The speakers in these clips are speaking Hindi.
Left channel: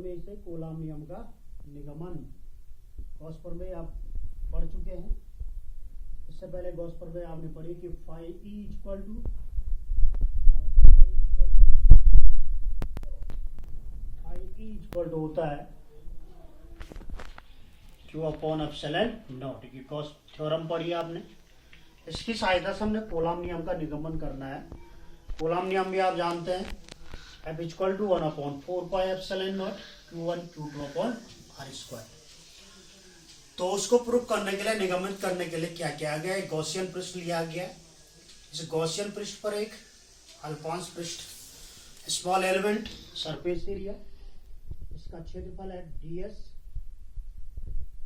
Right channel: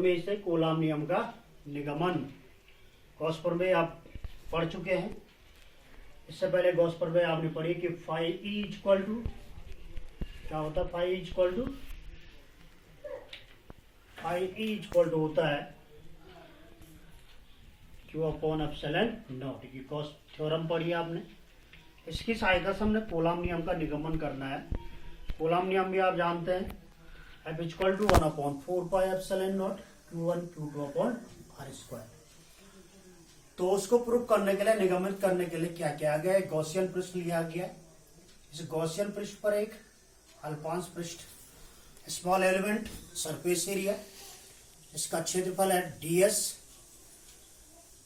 प्रमेय से कूलॉम नियम का निगमन। गॉस प्रमेय आप पढ़ चुके हैं। इससे पहले गॉस प्रमेय आपने पढ़ी कि फाई ई इक्वल टू क्या होता है, फाई ई इक्वल टू होता है क्यू अपॉन एप्सिलॉन नॉट। ये गॉस थ्योरम पढ़ी आपने। इसकी सहायता से हमने कूलॉम नियम का निगमन करना है। कूलॉम नियम भी आप जानते हैं, F equal to 1/4 pi epsilon not Q1 Q2 upon R square. तो उसको प्रूव करने के लिए, निगमित करने के लिए क्या किया गया, एक गॉसियन पृष्ठ लिया गया। इस गॉसियन पृष्ठ पर एक अल्पांश पृष्ठ, स्मॉल एलिमेंट सरफेस एरिया, इसका क्षेत्रफल है ds,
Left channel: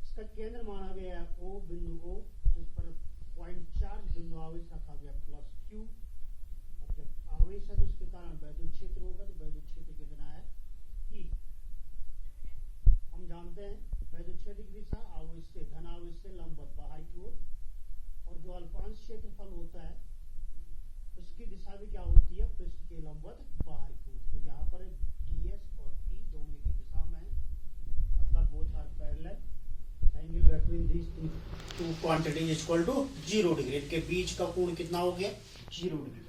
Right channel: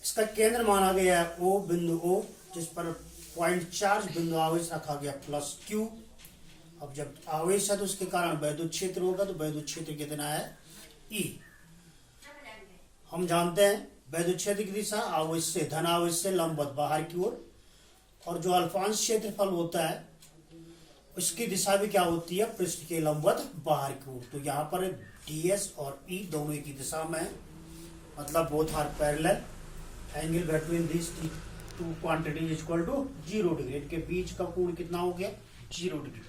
इसका केंद्र माना गया है O बिंदु O, जिस पर पॉइंट चार्ज बिंदु आवेश रखा गया +Q। अब जब आवेश है तो उसके कारण वैद्युत क्षेत्र होगा, तो वैद्युत क्षेत्र कितना है E। हम जानते हैं वैद्युत क्षेत्र की दिशा आवेश से, धन आवेश से लंबवत बाहर की ओर, और जो अल्पांश क्षेत्रफल होता है उसकी दिशा भी क्या होती है, पृष्ठ के लंबवत बाहर की ओर। तो यहाँ पर ds और E दोनों की दिशा में है, मतलब both are parallel, angle between this two quantities equal to 0 degree. इनके बीच का कोण कितना हो गया, 0 डिग्री।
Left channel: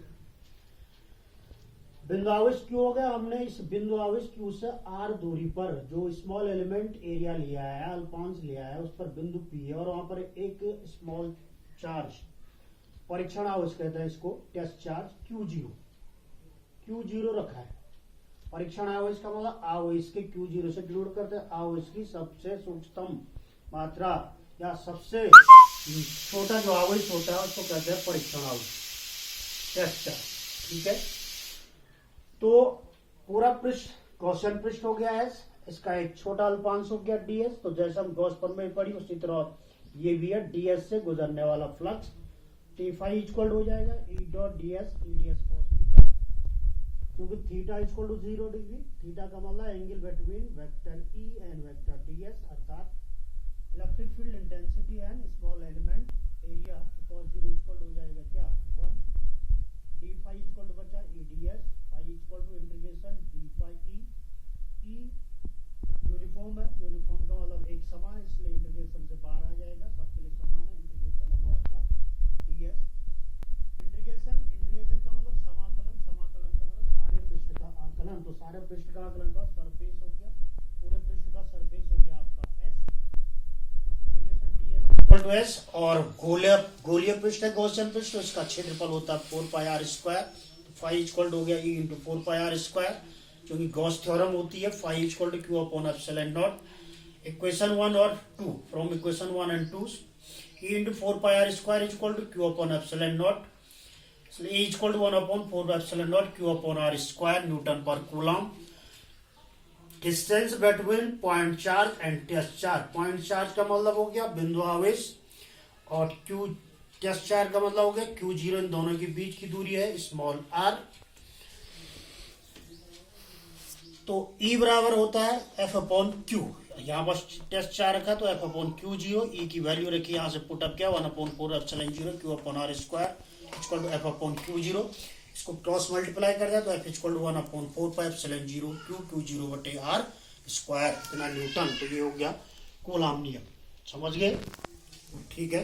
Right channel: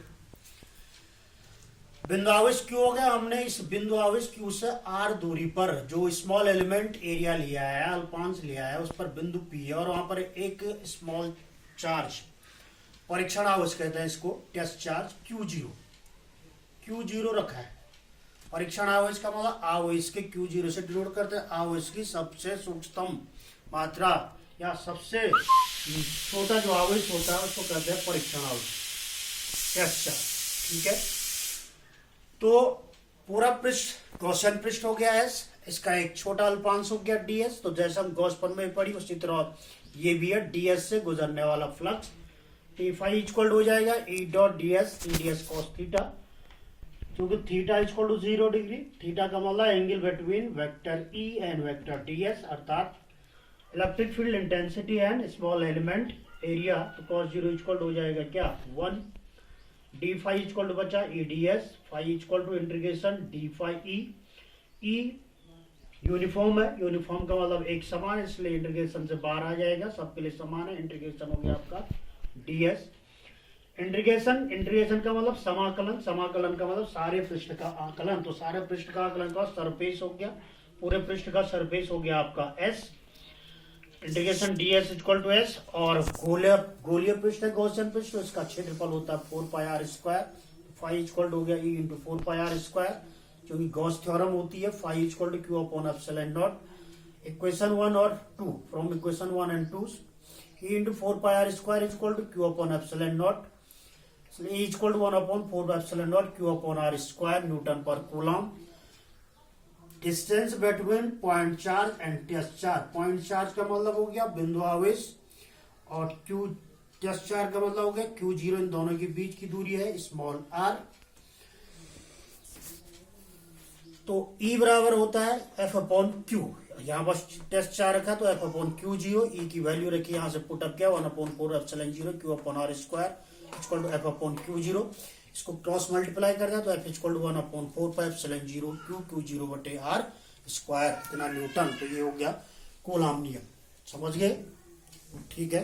बिंदु आवेश Q हो गया। हमने इस बिंदु आवेश Q से r दूरी पर जो स्मॉल एलिमेंट एरिया लिया है, अल्पांश लिया है, उस पर बिंदु P है और वहां पर एक स्मॉल चार्ज, परीक्षण आवेश कहते हैं इसको, टेस्ट चार्ज Q0 रखा है। परीक्षण आवेश का मतलब आवेश के Q0 से डिनोट करते हैं आवेश की सबसे सूक्ष्मतम मात्रा या सबसे छोटा जो आवेश होता है उसको कहते हैं परीक्षण आवेश, टेस्ट चार्ज। ठीक है, तो पूरा पृष्ठ गॉसियन पृष्ठ हो गया है। इसका एक छोटा अल्पांश हो गया ds। तो जैसे हम गॉस प्रमेय पढ़ी उसी तरह ये भी है, ds से गुजरने वाला फ्लक्स T फाई इक्वल हो जाएगा E dot ds cos theta, क्योंकि theta equal to 0 degree. Theta का मतलब angle between vector E and vector ds, अर्थात electric field intensity and small element area. तो cos 0 इक्वल हो जाएगा क्या 1, डी फाई इक्वल टू बचा E D S, phi equal to integration D phi E uniform है, यूनिफॉर्म का मतलब एक समान, इसलिए इंटीग्रेशन से बाहर आ जाएगा, सबके लिए समान है। इंटीग्रेशन हो गया आपका ds। इंटीग्रेशन का मतलब समाकलन, समाकलन का मतलब सारे पृष्ठ का आकलन। तो सारे पृष्ठ का आकलन का सरफेस हो गया, पूरे पृष्ठ का सरफेस हो गया आपका s। Integration ds equal to s, और गोलीय पृष्ठ है गॉसियन पृष्ठ, तो इसका क्षेत्रफल होता है 4 pi r square. Phi equal हो गया E into 4 pi r square, क्योंकि गॉस थ्योरम होती है phi equal to Q upon epsilon naught. Equation 1 और 2, from equation 1 and 2 E into 4 pi r square equal to Q upon epsilon naught, इसलिए E equal to 1 upon 4 epsilon naught Q upon r square newton per coulomb. Distance between point charge and test charge, point charge का मतलब हो गया बिंदु आवेश, और Q टेस्ट चार्ज का मतलब हो गया Q0। इन दोनों के बीच की दूरी है स्मॉल r। तो E बराबर होता है F अपॉन Q। यहाँ पर टेस्ट चार्ज रखा तो F अपॉन Q0, E की वैल्यू रखी, यहाँ से पुटअप किया 1/4 epsilon 0 Q upon r square equal to F upon Q0। इसको क्रॉस मल्टीप्लाई कर दिया तो F equal to 1/4 pi epsilon 0 Q0 बटे r स्क्वायर, इतना न्यूटन। तो ये हो गया कूलॉम नियम, समझ गए? ठीक है।